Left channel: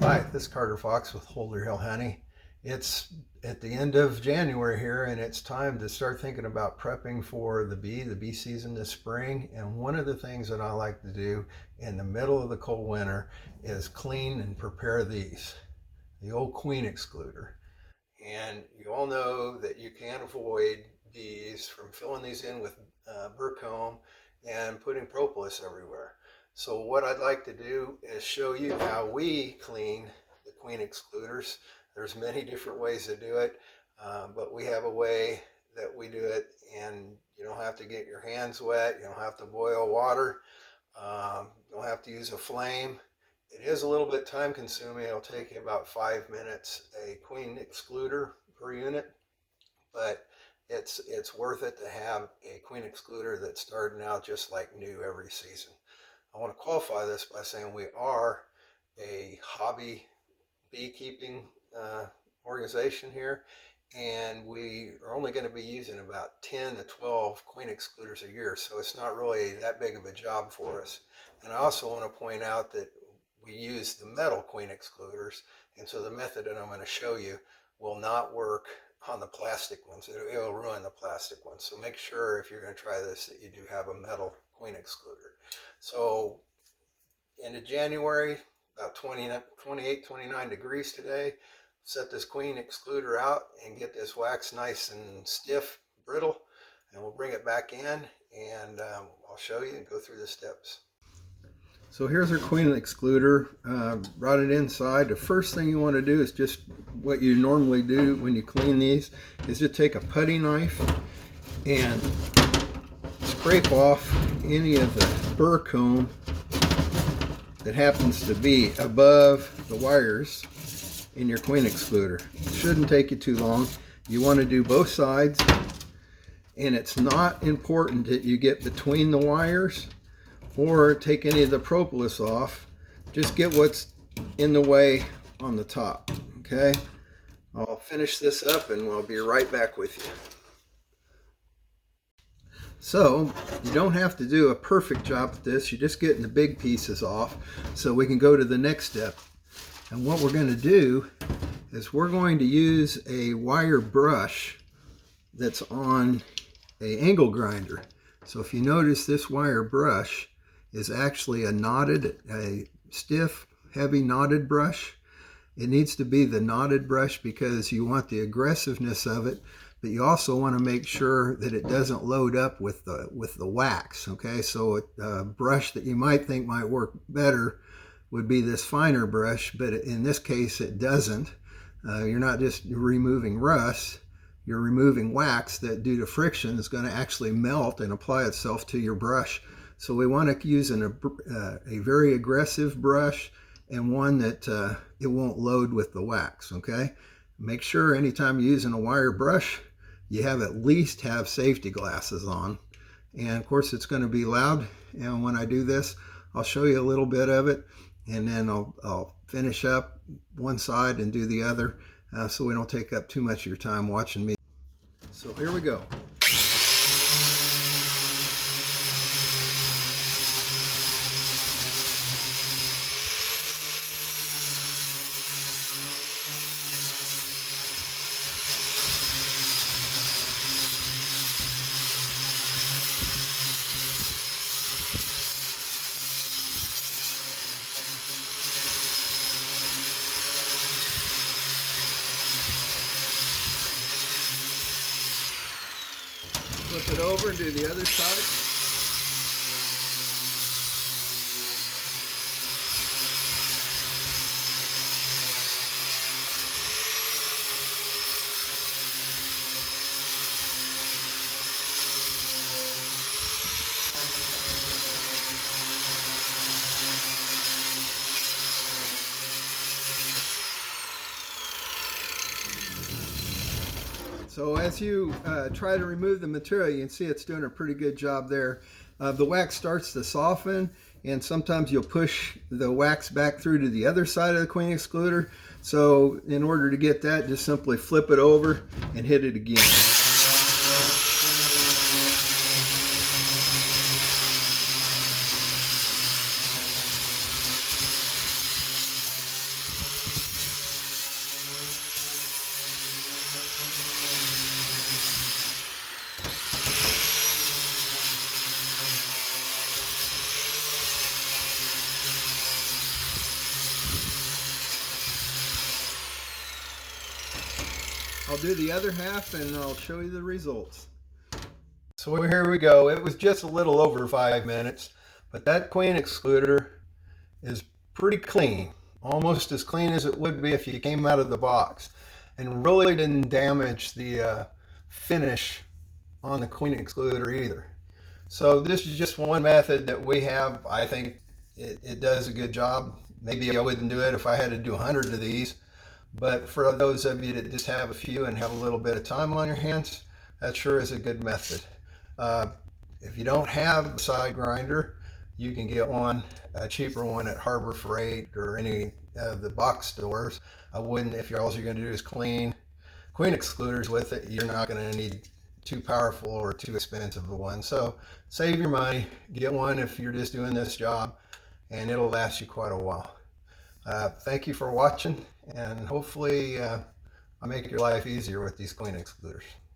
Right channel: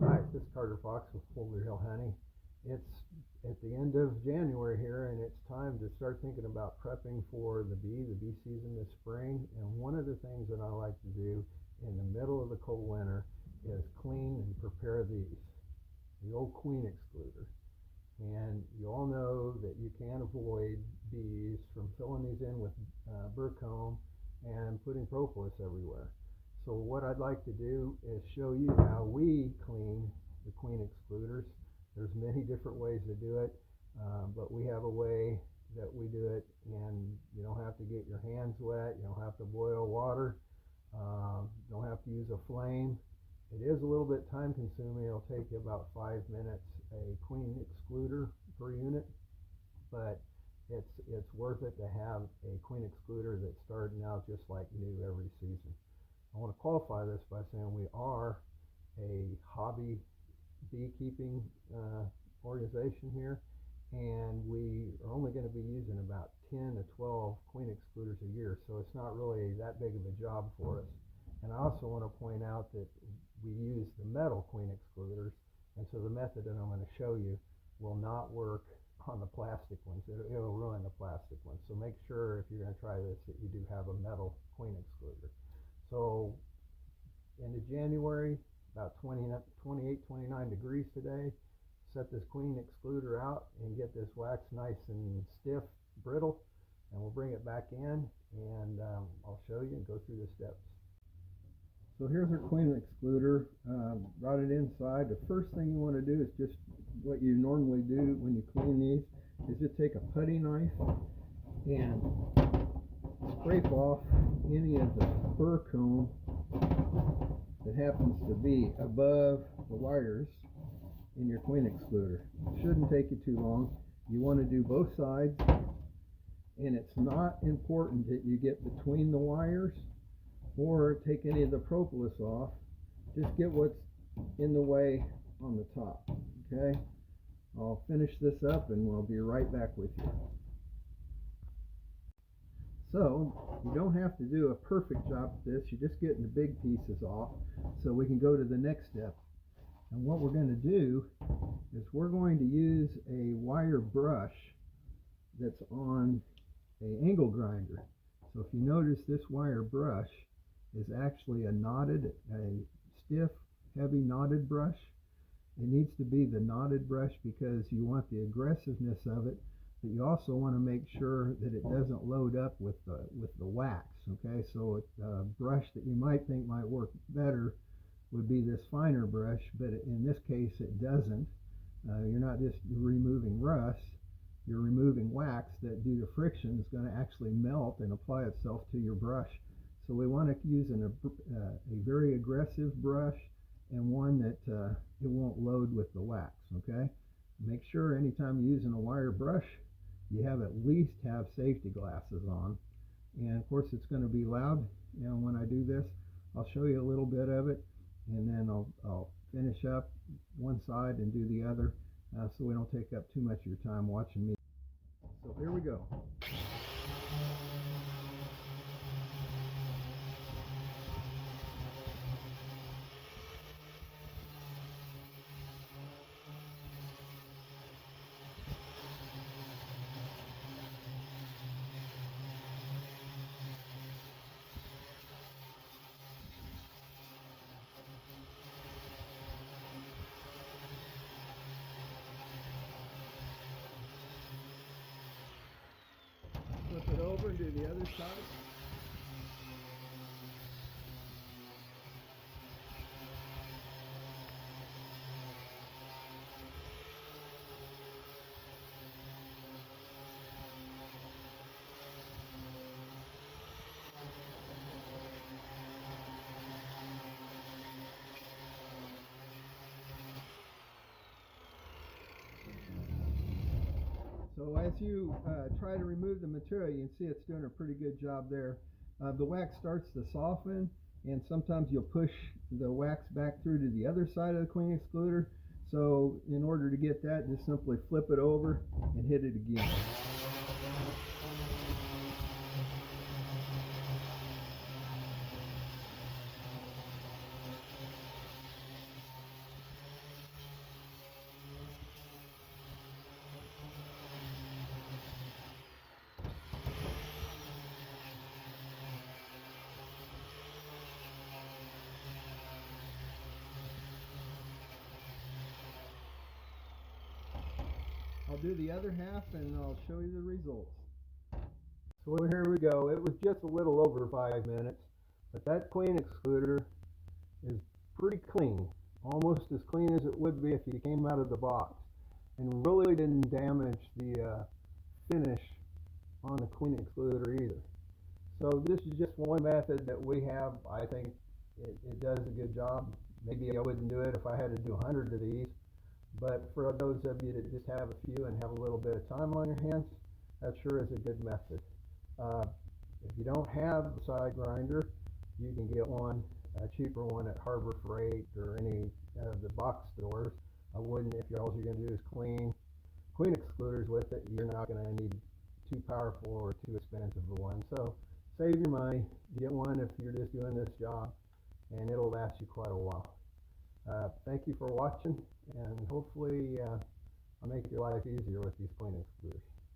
Hi, this is Carter Fox with Holder Hill Honey. It's at the end of January here, and it's time to start thinking about prepping for the bee season this spring. And one of the things that I like to do in the middle of the cold winter is clean and prepare these, the old queen excluder. And you all know that you can avoid bees from filling these in with burr comb and putting propolis everywhere. So what I'd like to do is show you how we clean the queen excluders. There's many different ways to do it, but we have a way that we do it, and you don't have to get your hands wet. You don't have to boil water. You don't have to use a flame. It is a little bit time consuming. It'll take you about 5 minutes, a queen excluder per unit, but it's worth it to have a queen excluder that's starting out just like new every season. I want to qualify this by saying we are a hobby beekeeping organization here, and we are only going to be using about 10 to 12 queen excluders a year, so it's not really that big of a job for us. And I also want to point out that we use the metal queen excluders, and so the method that I'm going to show you will not work on the plastic ones. It'll ruin the plastic ones. So make sure if you're going to try this that you do have a metal queen excluder. So into January, about 28, 29 degrees today. Set this queen excluder out and get this wax nice and stiff, brittle, and we'll bring it back in, and I'll show you and go through the steps. So here's our queen excluder. Brought it inside. The first thing you want to do is just what you normally do when you clean these, is just take a putty knife and scrape off any of the burr comb that happens to be above the wires in your queen excluder. It shouldn't take you too long. You want to do both sides, and it's not important that you get between the wires or take any of the propolis off. Just get what's in the way on the top, okay? I'll finish this up and we'll be right back with you. So you don't have to do a perfect job with this. You're just getting the big pieces off so we can go to the next step. And what we're going to do is we're going to use a wire brush that's on an angle grinder. So if you notice, this wire brush is actually a stiff, heavy knotted brush. It needs to be the knotted brush because you want the aggressiveness of it, but you also want to make sure that it doesn't load up with the wax. Okay, so a brush that you might think might work better would be this finer brush, but in this case it doesn't. You're not just removing rust, you're removing wax that due to friction is going to actually melt and apply itself to your brush. So we want to use a very aggressive brush, and one that it won't load with the wax. Okay, make sure anytime you're using a wire brush you at least have safety glasses on. And of course it's going to be loud, and when I do this I'll show you a little bit of it, and then I'll finish up one side and do the other, so we don't take up too much of your time watching me. So here we go. Flip it over and do the other side. So as you try to remove the material, you can see it's doing a pretty good job there. The wax starts to soften, and sometimes you'll push the wax back through to the other side of the queen excluder. So in order to get that, just simply flip it over and hit it again. I'll do the other half and I'll show you the results. So here we go. It was just a little over 5 minutes, but that queen excluder is pretty clean, almost as clean as it would be if you came out of the box, and really didn't damage the finish on the queen excluder either. So this is just one method that we have. I think it does a good job. Maybe I wouldn't do it if I had to do 100 of these, but for those of you that just have a few and have a little bit of time on your hands, that sure is a good method. If you don't have a side grinder, you can get one, a cheaper one at Harbor Freight or any of the box stores. I wouldn't, if all you're going to do is clean queen excluders with it, you're not going to need too powerful or too expensive a one. So save your money, get one if you're just doing this job, and it'll last you quite a while. Thank you for watching, and hopefully I'll make your life easier with these queen excluders.